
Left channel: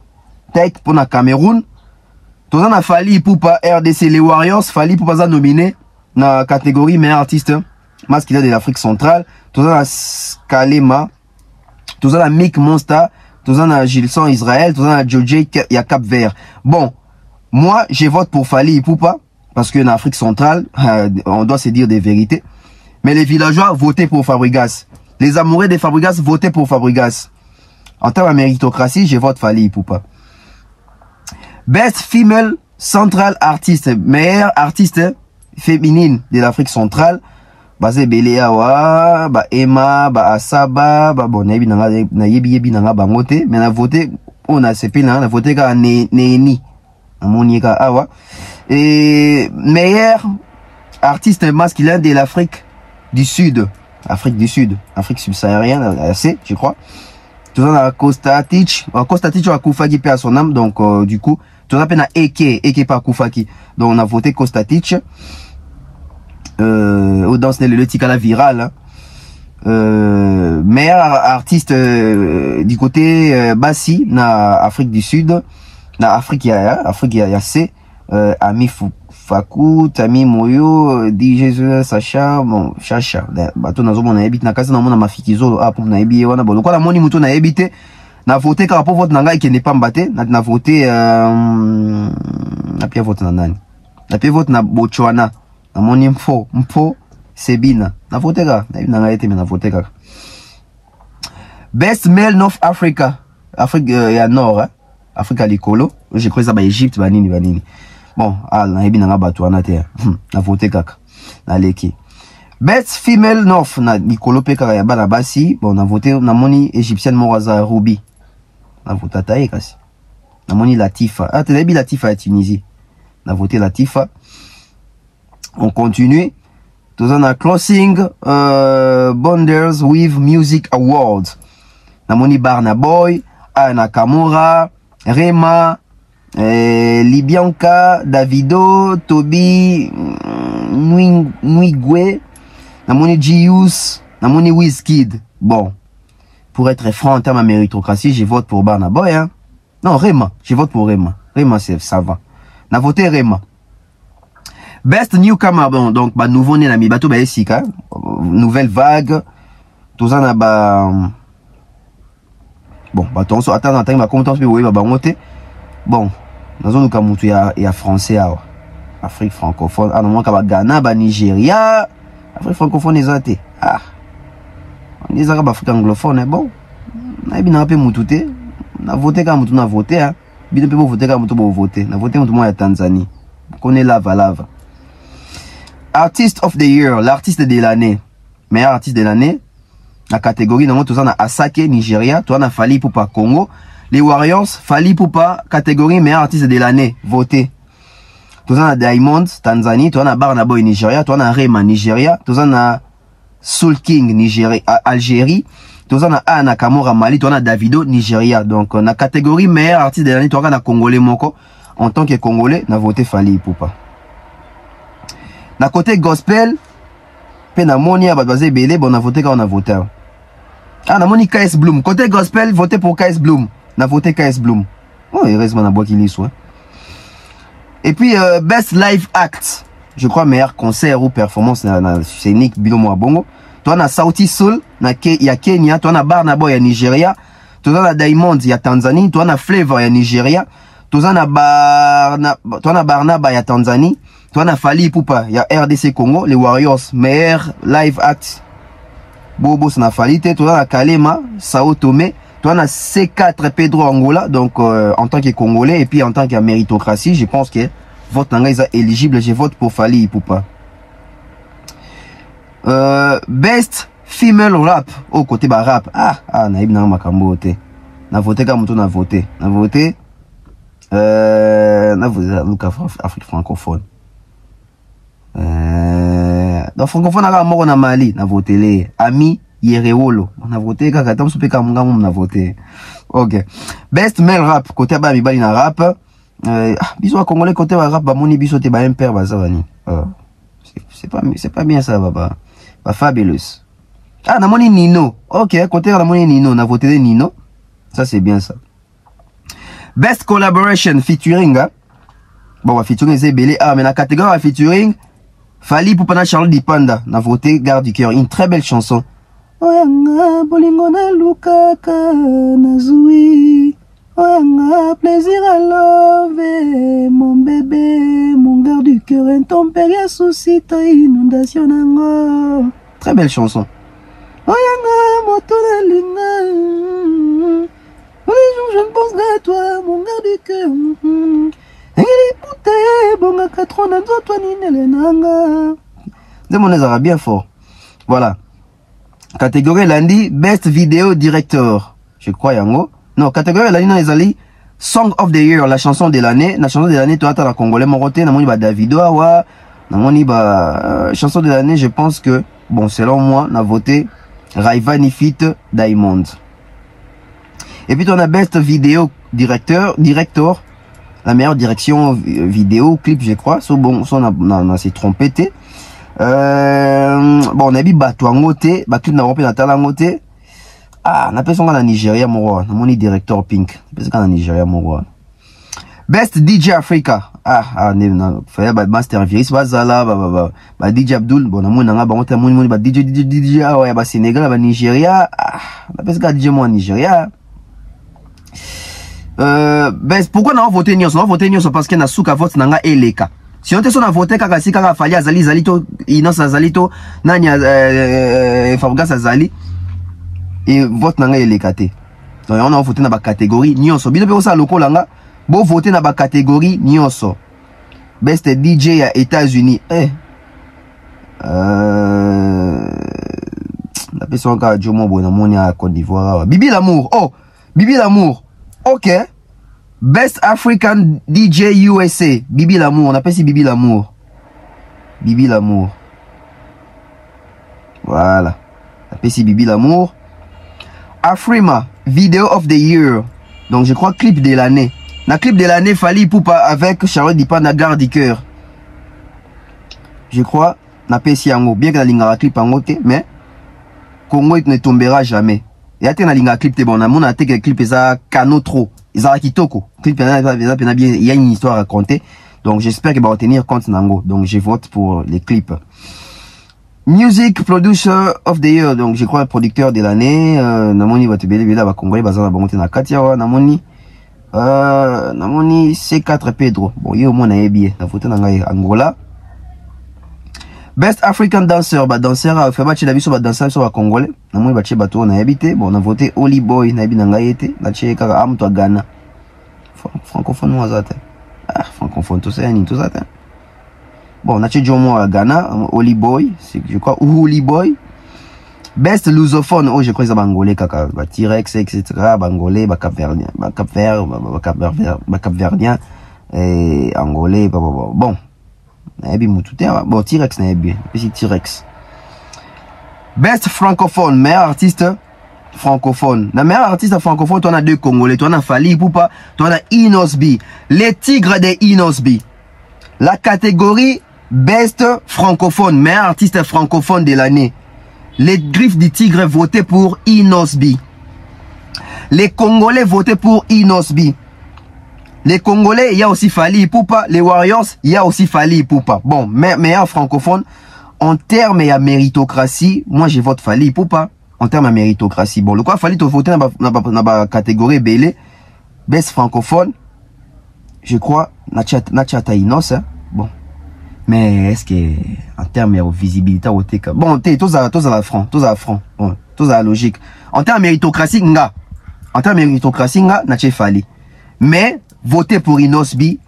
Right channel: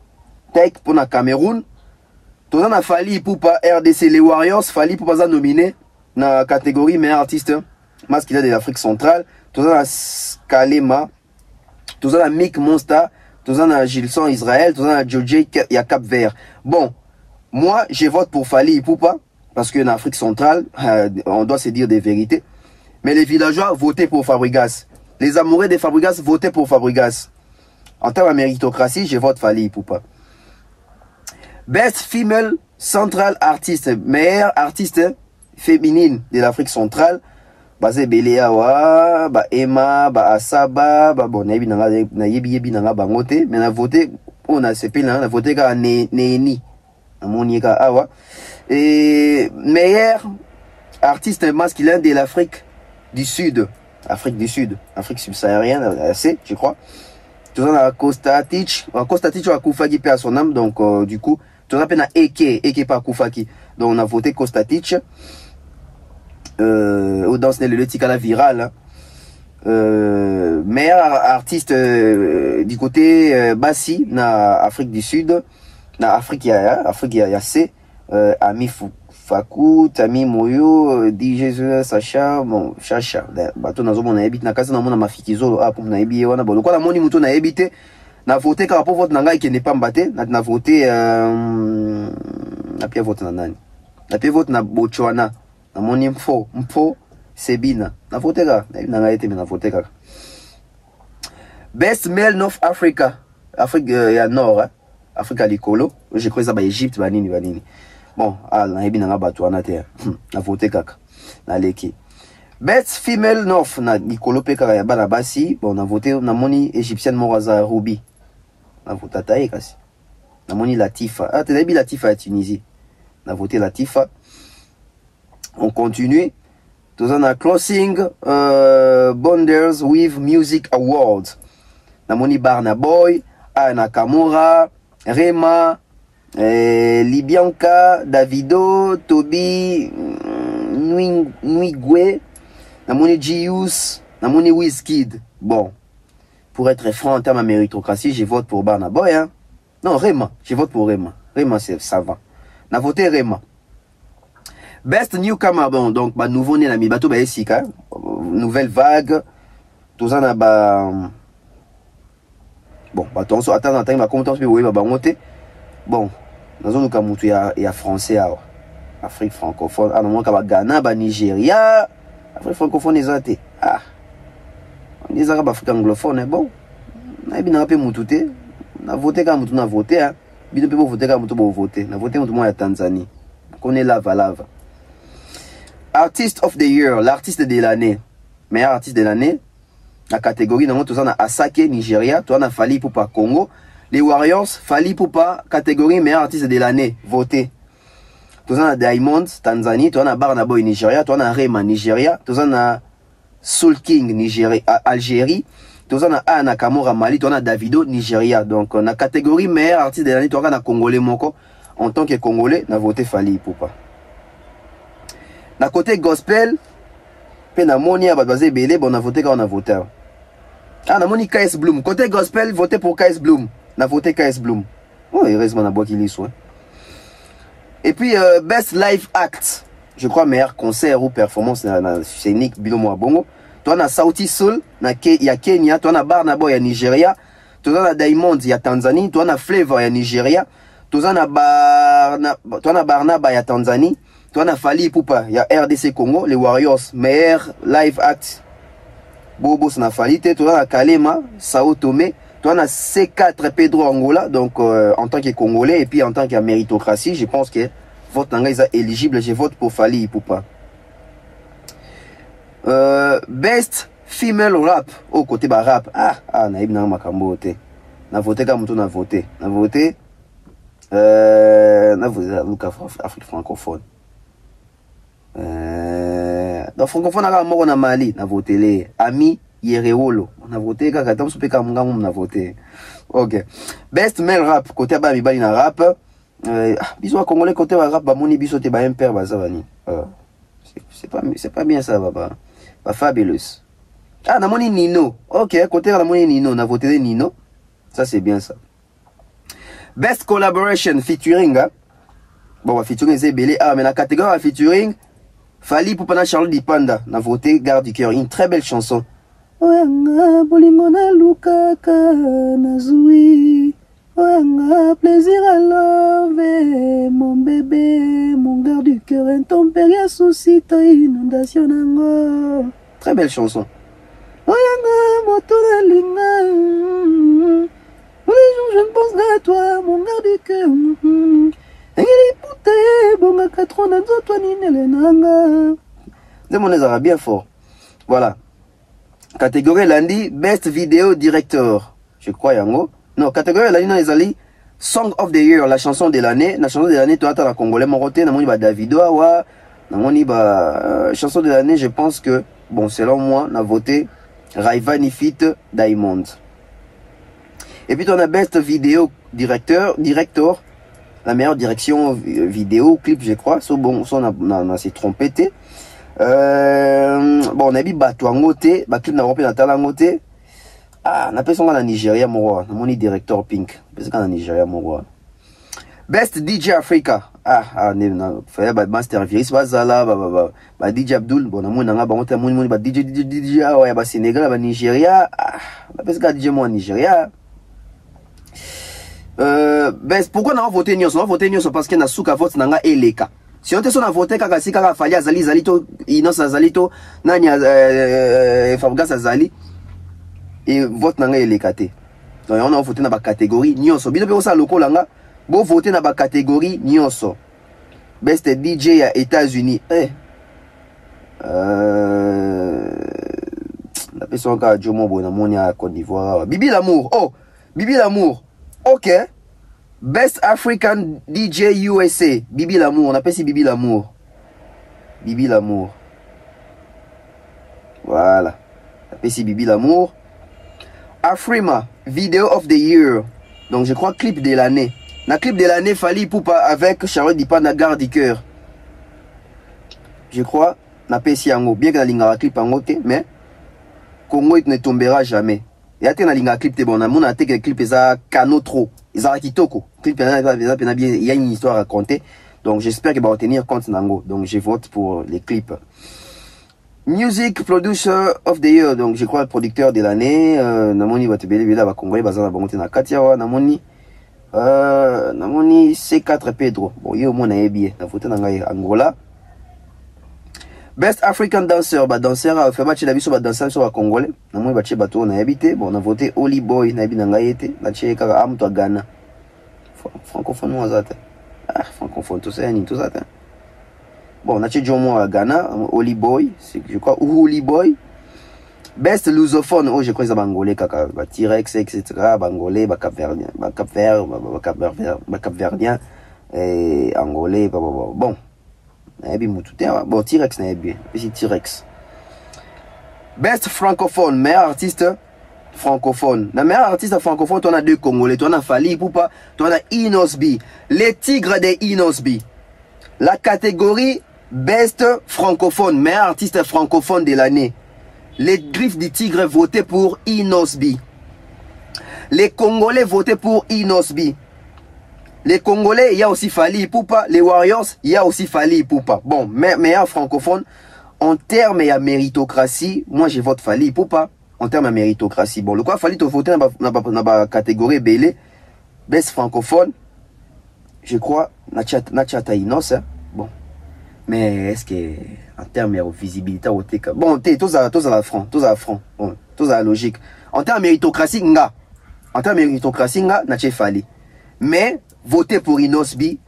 pour la Cameroun. Tozan a Fali Poupa RDC les Warriors, Fali Poupa za nominé na catégorie meilleur artiste masculin de l'Afrique centrale, tous na Kalema, tous na Mick Monster, tous na Gilson Israël, tous na Djodje ya Cap Vert. Bon, moi je vote pour Fally Ipupa parce que en Afrique centrale, on doit se dire des vérités. Mais les villageois votaient pour Fabregas. Les amoureux de Fabregas votaient pour Fabregas. En termes de méritocratie, je vote Fally Ipupa. Best Female Central Artist, meilleure artiste féminine de l'Afrique centrale. Basé Beleawa, ba Emma, ba Asaba, ba bon, na yebi nanga ba ngote, mais na voté, on a CP na voté ka Neni. Amonieka awa. Et meilleur artiste masculin de l'Afrique du Sud. Afrique du Sud. Afrique subsaharienne, assez, je crois. Tout ça dans Kostatic. Kostatic a Koufaki à son âme, donc du coup, tout ça na Eke pas Koufaki. Donc on a voté Kostatic. Dans le Tikala viral. Meilleur artiste du côté Bassi, na Afrique du Sud. Na Afrique, il y a C. Ami Fakou, Tami Moyo, DJ Sacha, bon, Chacha. Bato na zomo na ebite na kasi na mona mafikizo apo na ebiye wana bolo. Kwa la moni muto na ebite na voté ka rapport vote na ngai ke ne pas mbate na voté na pia vote na nani. Na pia vote na Botswana. Na moni mfo Sebina. Na voté ka na ngai ete me na voté ka. Best Male North Africa. Afrique ya Nord, hein. Afrique likolo. Je crois ça ba Égypte banini. Bon, na ebi na Botswana te. Na voté kaka. Na leki. Best Female North na likolo pe kaka ya bana basi. Bon, na voté na moni égyptienne Moraza Ruby. Na voté taï kasi. Na moni Latifa. Ah, te ebi Latifa à Tunisie. Na voté Latifa. On continue. Tous on a Closing Bonders with Music Awards. Na moni Barna Boy, Ana Kamura, Rema, Libianca, Davido, Toby, Nwigwe, Namoni Gius, Namoni Wizkid. Bon, pour être franc en termes de méritocratie, je vote pour Barna Boy. Hein. Non, Rema, je vote pour Rema. Rema, ça va. On a voté Rema. Best Newcomer, bon, donc, bah, nouveau-né, la mi-bateau, bah, ici, hein. Nouvelle vague. Tout ça, n'a bah, bon, bah, attention, attends, bah, comment t'en fais, oui, bah, monter. Bon, dans un cas, il y a français, Afrique francophone, ah, non, Ghana, bah, Nigeria, Afrique francophone, les athées. Ah, les Arabes, Afrique anglophone, bon, on a bien un peu moutouté, on a voté quand on a voté, hein, bien un peu voté quand on a voté, on a voté quand on a Tanzanie, on connaît lava. Artist of the Year, l'artiste de l'année, meilleur artiste de l'année, la catégorie, nous avons Asake, Nigeria, tu as Fally Ipupa, Congo. Les Warriors, Fally Ipupa, catégorie meilleur artiste de l'année, voté. Tu as Diamond, Tanzanie, tu as Barna Boy, Nigeria, tu as Rema, Nigeria, tu as Soul King, Nigeria, Algérie, tu as Ana Kamura, Mali, tu as Davido, Nigeria. Donc, la catégorie meilleur artiste de l'année, tu as Congolais Moko. En tant que Congolais, on a voté Fally Ipupa. Na côté gospel, pe na moni a bazé belé, bon, on a voté quand on a voté. Ah, na moni KS Bloom. Côté gospel, voté pour KS Bloom. Na voté KS Bloom. Oh, heureusement, na boîte il soit. Et puis, Best Live Act. Je crois meilleur concert ou performance na scénique Bilomo Bongo. Toi, na Sauti Soul, il y a Kenya. Toi, na Barna Boy, il y a Nigeria. Toi, na Diamond, il y a Tanzanie. Toi, na Flavor, il y a Nigeria. Toi, na Barna Boy, il y a Tanzanie. Toi, na Fally Ipupa, il y a RDC Congo, les Warriors, meilleur live act. Bobo, ça n'a Fally, toi, na Kalema, Sao Tomé, toi, na C4 Pedro Angola, donc, en tant que Congolais, et puis en tant que méritocratie, je pense que votre langue est éligible, je vote pour Fally Ipupa. Best Female Rap, au côté bah rap, naïb na makambo, na voté comme on a voté, Afrique francophone. Dans francophone on a Mali, on a voté les Ami Yerewolo, on a voté kaka tam soupe kamunga on a voté. OK. Best male rap côté ba mibali na rap. Biso a congolais côté ba rap ba moni biso te ba impère ba zawani. C'est pas bien ça baba. Ba fabulous. Ah na moni Nino. OK, côté na moni Nino, on a voté Nino. Ça c'est bien ça. Best collaboration featuring hein? Bon, featuring c'est belé mais la catégorie featuring Fali Ipupa Charlotte Dipanda, n'a voté Garde du cœur, une très belle chanson. Oyanga bolingo na lukaka nazui. Oyanga plaisir à love, mon bébé, mon garde du cœur, intempérie suscite inondation nanga. Très belle chanson. Oyanga moto na linga. Je ne pense qu'à toi, mon garde du cœur. C'est bien fort. Voilà. Catégorie lundi, Best Video Director. Je crois, yango. Non, catégorie lundi, non, les Song of the Year, la chanson de l'année. La chanson de l'année, toi, t'as la Congolais, mon côté, namoni ba Davido, awa. Namoni ba, chanson de l'année, je pense que, bon, selon moi, on a voté Rayvanny Fit Diamond. Et puis, on a Best Video Director. La meilleure direction vidéo, clip, je crois. So, bon, on s'est trompé. Bon, on a dit Batouangote, clip n'a pas Talangote. Ah, on appelle ça en Nigeria, mon roi. On a directeur Pink. On appelle ça en Nigeria, mon roi. Best DJ Africa. Fallait Master Virus, Bazala, DJ Abdul. Bon, on a DJ, ouais, Sénégal, Nigeria. On appelle ça DJ moi en Nigeria. Pourquoi on a voté Nyos? On a voté Nyos parce qu'il y a souka vote nanga eleka. Si on te son a voté kaka si kaka fali azali zalito Inos azalito nani Fabgas azali et vote nanga eleka te. Donc on a voté na ba catégorie Nyos. Bino pe ça loko langa bo voter na ba catégorie Nyos. Best DJ à États-Unis. On appelle ça encore Jomo Bonamoni à Côte d'Ivoire. Bibi Lamour. Oh, Bibi Lamour. Ok. Best African DJ USA. Bibi Lamour. On appelle ça Bibi Lamour. Bibi Lamour. Voilà. On appelle ça Bibi Lamour. Afrima. Video of the Year. Donc je crois clip de l'année. La clip de l'année, Fali Ipupa avec Charlotte Dipanda Garde du cœur. Je crois. On appelle ça Yango. Bien que la ligne a clip en côté. Mais Congo ne tombera jamais. Et à la ligne clip, bon, on a été clip, ça, cano trop. Ils ont kitoko. Clip, il y a une histoire à raconter. Donc, j'espère qu'ils vont tenir compte nango. Donc, je vote pour les clips. Music Producer of the Year. Donc, je crois, producteur de l'année. Namoni, va te béler, va congolais, va la bangote na Katia, Namoni. Namoni, C4 Pedro. Bon, yo, moi, na bien. Na voté na Angola. Best African Dancer, danseur, fait battre la vie sur la danseur sur la Congolais. N'a pas battu bateau, on a habité. Bon, on a voté Holy Boy, n'a pas été. N'a pas été am toi Ghana. Francophone, moi, ça. Francophone, tout ça, tout ça. Bon, on a été Jomo à Ghana, Holy Boy, c'est, je crois, Holy Boy. Best Lusophone, oh, je crois que c'est Bangolais, kaka, T-Rex, etc. Bangolais, Cap-Verdien, Cap-Verdien, et Angolais, bon. Bon, T-Rex n'a bien. Petit T-Rex. Best francophone, meilleur artiste francophone. La meilleure artiste francophone, tu en as deux Congolais. Tu en as Fali Ipupa, tu en as Inosbi. Les tigres des Inosbi. La catégorie Best francophone, meilleur artiste francophone de l'année. Les griffes du tigre votaient pour Inosbi. Les Congolais votaient pour Inosbi. Les Congolais, il y a aussi Fali Ipupa. Les Warriors, il y a aussi Fali Ipupa. Bon, meilleur francophone. En termes de méritocratie, moi je vote Fali Ipupa. En termes de méritocratie. Bon, le quoi Fali te voter dans la catégorie Belé. Best francophone. Je crois, Nachata Inos. Hein? Bon. Mais est-ce que, en termes de visibilité, bon, tous à la franc. Bon, tous à la logique. En termes de méritocratie, Nache Fali. Mais, voter pour Inosbi,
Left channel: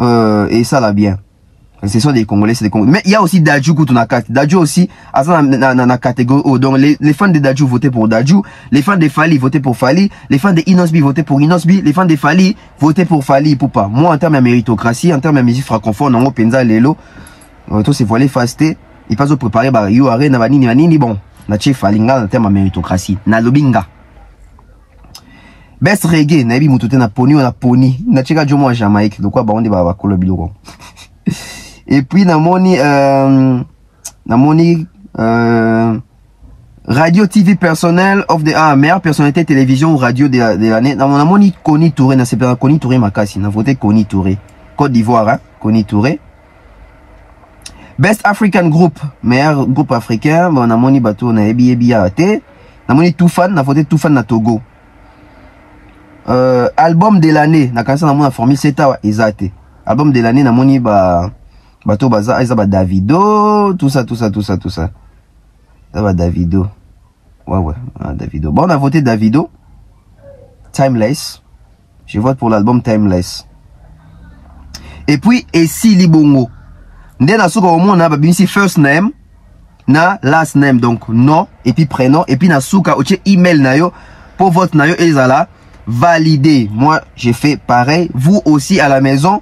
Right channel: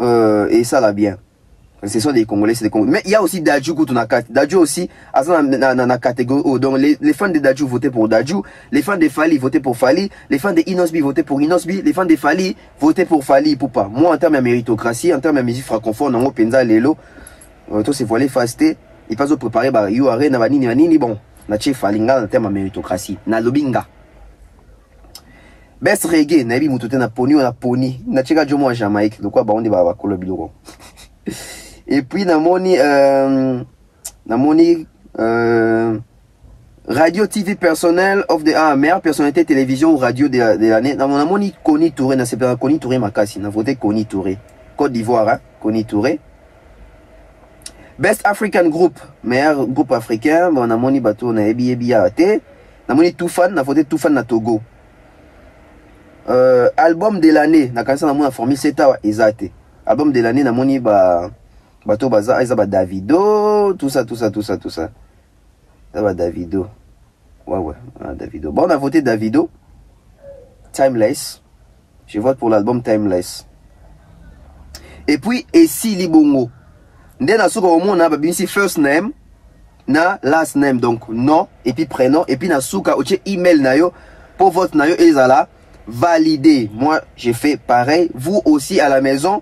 et ça là bien. Ce sont des Congolais, c'est des Congolais. Mais il y a aussi Dadju Koutounakati. Dadju aussi, à la catégorie O. Donc les fans de Dadju votaient pour Dadju, les fans de Fali votaient pour Fali, les fans de Inosbi votaient pour Inosbi, les fans de Fali votaient pour Fali Ipupa. Moi, en termes de méritocratie, en termes de musique francophone, on penza lelo, tout c'est voilé fasté, et pas au préparer, bah, yo aré, navanini, bon, nache Falinga en termes de méritocratie, na lobinga. Best reggae, nabi mutute na poni, on a poni, na cheka jomo à Jamaïque, donc quoi, bah, on dit, bah, kolobiloko. Et puis, namoni, radio TV personnel of the, meilleure personnalité télévision ou radio de l'année. Namoni, Koni Touré, n'a pas Koni Touré Makassi, n'a voté Koni Touré. Côte d'Ivoire, hein, Koni Touré. Best African Group, meilleur groupe africain. Bon, on a moni bateau, on a ebi ate. On a moni Toufan, on a voté Toufan na Togo. Album de l'année, on a commencé à formule Seta, Isate. Album de l'année, on a moni bateau baza, Isaba Davido, tout ça. Ça va Davido. Ouais, Davido. Bon, on a voté Davido. Timeless. Je vote pour l'album Timeless. Et puis, Essi Libongo. Ndé na souka au monde, on a ici first name, na last name, donc nom, et puis prénom, et puis na souka, oche email na yo, pour votre na yo, et zala, validé. Moi, j'ai fait pareil. Vous aussi à la maison,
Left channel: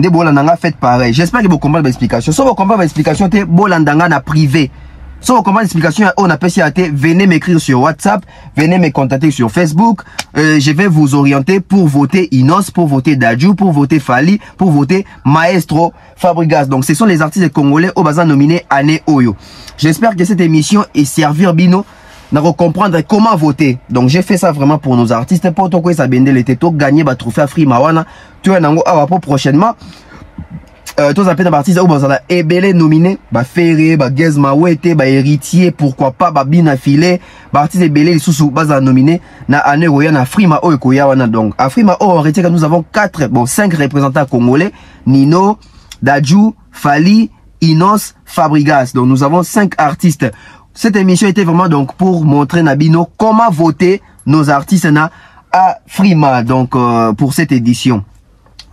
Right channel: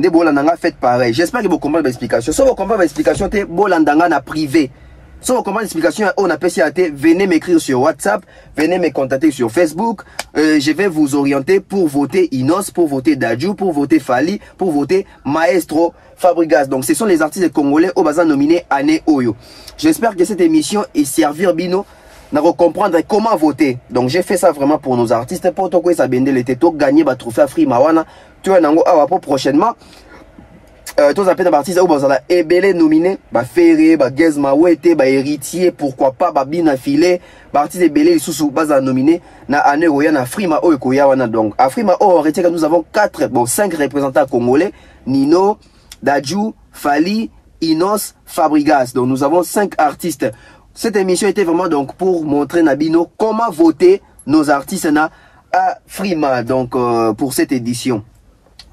ndé bolandanga faites pareil. J'espère que vous comprenez l'explication. Si vous comprenez l'explication, te bolandanga na privé. Si vous comprenez l'explication, on a PCAT, venez m'écrire sur WhatsApp, venez me contacter sur Facebook. Je vais vous orienter pour voter Inos, pour voter Dadju, pour voter Fali, pour voter Maestro Fabregas. Donc, ce sont les artistes congolais au bazar nominés année Oyo. J'espère que cette émission est servir Bino de comprendre comment voter. Donc, j'ai fait ça vraiment pour nos artistes. Pour tout ça, les tétos, gagner, trophée Free Mawana. Tu vas pour prochainement. Tous les artistes au bazar ebele nominé ba Ferré ba Gezma Wete ba Héritier pourquoi pas ba Bina Filé ba artistes ebele les sous bazar nominé na année roya na Frima o ekoya wana. Donc Afrima o on retient que nous avons 5 représentants congolais: Nino, Dadju, Fali, Inos, Fabregas. Donc nous avons 5 artistes. Cette émission était vraiment donc pour montrer Nabino comment voter nos artistes na Afrima. Donc pour cette édition.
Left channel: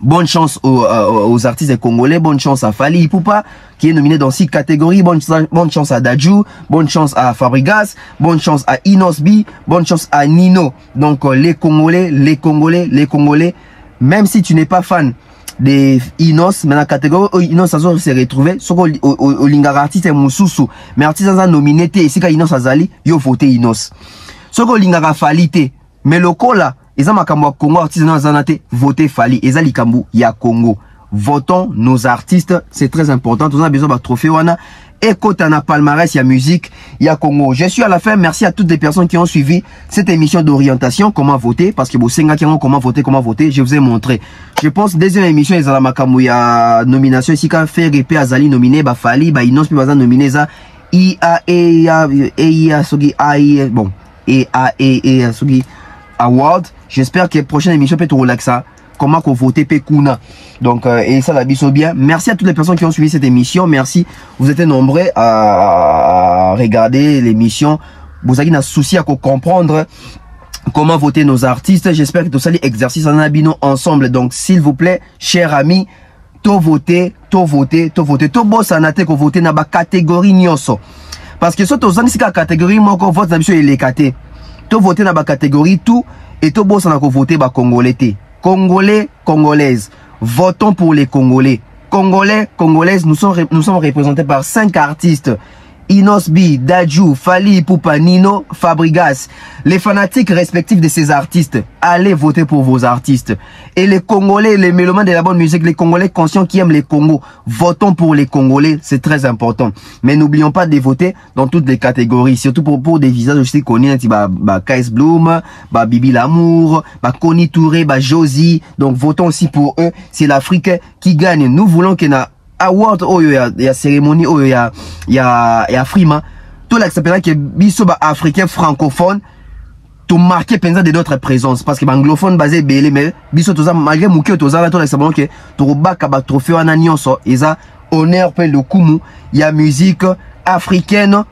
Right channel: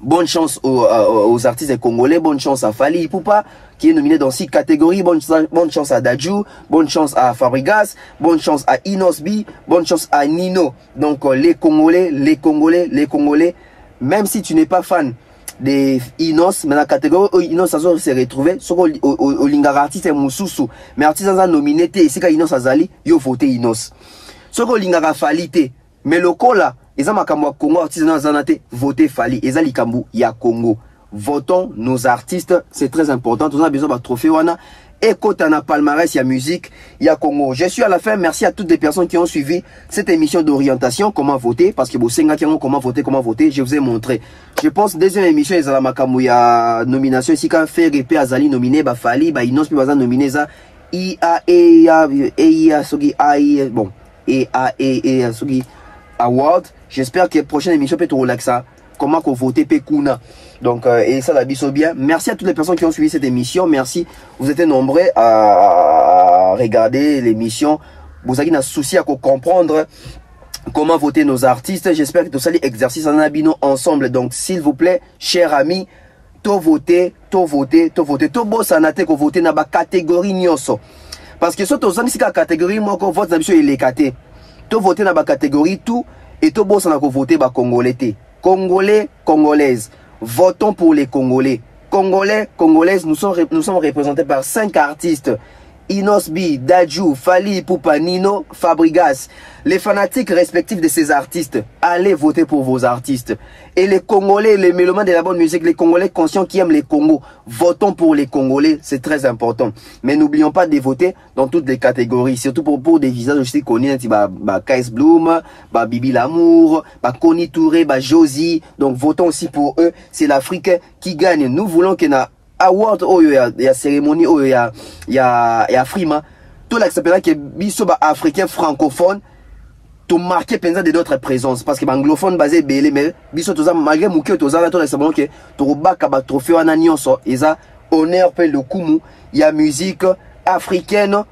Bonne chance aux artistes congolais, bonne chance à Fali Ipupa qui est nominé dans 6 catégories, bonne chance à Dadju, bonne chance à Fabregas, bonne chance à Inos B, bonne chance à Nino. Donc les Congolais, même si tu n'es pas fan des Inos, mais la catégorie Inos ça se retrouver au lingara artiste Moussoussou, mais artiste a nominé et si Inos Azali, yo voté Inos. Soko lingara Fali te, mais le là Eza makambo Congo artisanat zanate voter Fali eza likambu ya Congo. Votons nos artistes, c'est très important. On a besoin de trophée wana. Écoute na palmarès ya musique ya Congo. Je suis à la fin. Merci à toutes les personnes qui ont suivi cette émission d'orientation comment voter parce que bosenga qui ont comment voter, je vous ai montré. Je pense deuxième émission ezala makambo ya nomination ici quand faire épée azali nominé ba Fali ba Inos puis baza nominé za bon sogi award. J'espère que la prochaine émission peut te relaxer. Comment qu'on vote Pekuna. Donc, et ça, la biso bien. Merci à toutes les personnes qui ont suivi cette émission. Merci. Vous êtes nombreux à regarder l'émission. Vous avez un souci à comprendre comment voter nos artistes. J'espère que tout ça, l'exercice en abino ensemble. Donc, s'il vous plaît, chers amis, to voter. To boss en atte ko voter na ba catégorie nyonso. Parce que surtout, dans la catégorie, moi, qu'on vote dans l'émission, il est caté. To voter na ba catégorie tout. Et tout bon, ça n'a qu'à voter bah Congolais. Congolais, Congolaises. Votons pour les Congolais. Congolais, Congolaises, nous sommes représentés par 5 artistes. Inos B, Dadju, Fali Ipupa, Nino, Fabregas. Les fanatiques respectifs de ces artistes, allez voter pour vos artistes. Et les Congolais, les mélomanes de la bonne musique, les Congolais conscients qui aiment les Congos, votons pour les Congolais, c'est très important. Mais n'oublions pas de voter dans toutes les catégories, surtout pour des visages aussi connus, KS Bloom, Bibi Lamour, Koni Touré, Josie. Donc votons aussi pour eux, c'est l'Afrique qui gagne. Nous voulons qu'il y ait award oh il y a cérémonie oh il y a Frima tout l'acceptation que biso ba africain francophone tout marqué penza de d'autres présences parce que anglophone basé belé mais biso toza malgré muke toza tout l'acceptation que to baka ba trophée wana nyonso eza honneur pe le kumu il y a musique africaine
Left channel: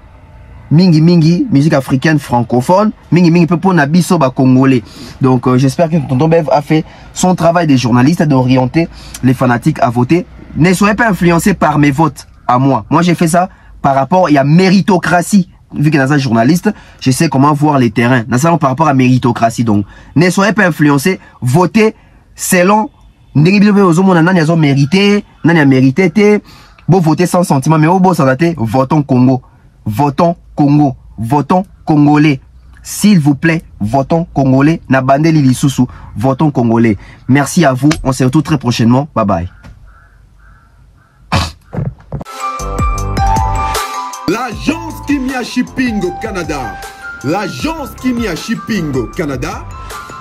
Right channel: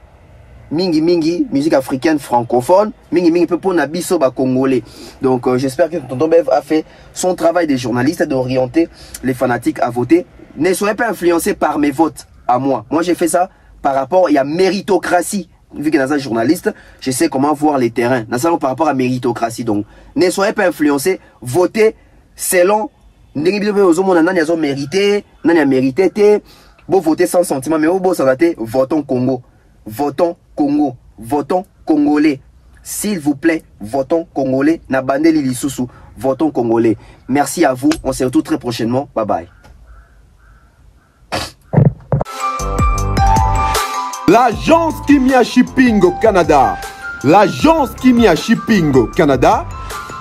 mingi musique africaine francophone mingi peu pour na biso ba congolais. Donc j'espère que Tonton Bev a fait son travail de journaliste d'orienter les fanatiques à voter. Ne soyez pas influencés par mes votes à moi. Moi, j'ai fait ça par rapport, il y a méritocratie. Vu que dans un journaliste, je sais comment voir les terrains. Dans ça, par rapport à méritocratie. Donc, ne soyez pas influencés. Votez selon, mérité, bon, votez sans sentiment, mais au beau santé, votons Congo. Votons Congo. Votons Congolais. S'il vous plaît, votons Congolais. Nabandeli Lisusu. Votons Congolais. Merci à vous. On se retrouve très prochainement. Bye bye. L'agence Kimia Shipping au Canada. L'agence Kimia Shipping au Canada,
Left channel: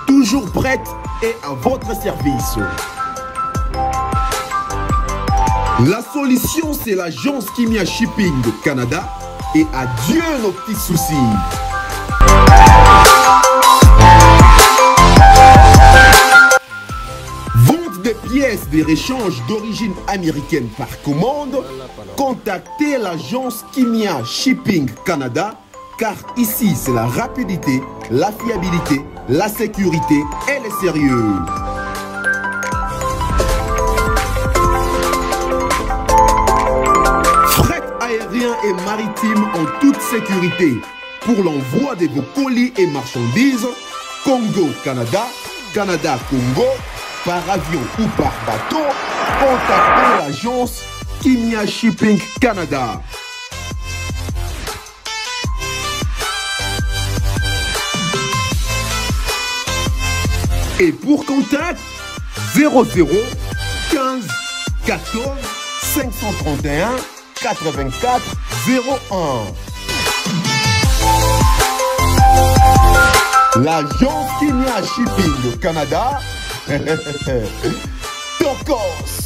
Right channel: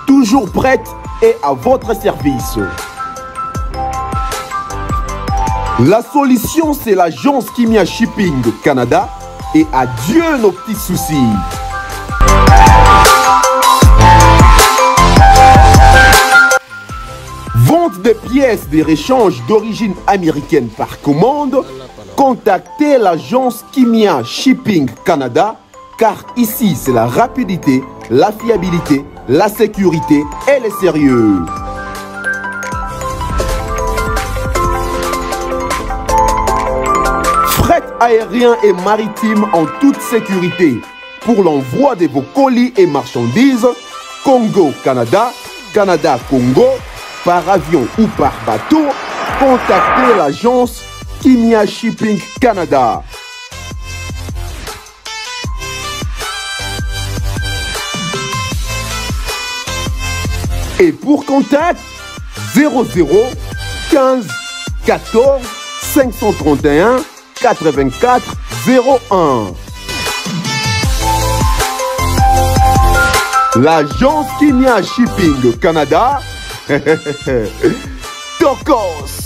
toujours prête et à votre service. La solution, c'est l'agence Kimia Shipping Canada et adieu nos petits soucis. Vente des pièces de réchange d'origine américaine par commande, contactez l'agence Kimia Shipping Canada car ici c'est la rapidité, la fiabilité, la sécurité et le sérieux. Fret aérien et maritime en toute sécurité pour l'envoi de vos colis et marchandises Congo-Canada, Canada-Congo, par avion ou par bateau, contactez l'agence Kimia Shipping Canada. Et pour contact, 00 15 14 531 84 01. L'agence Kimia Shipping Canada. Tokos.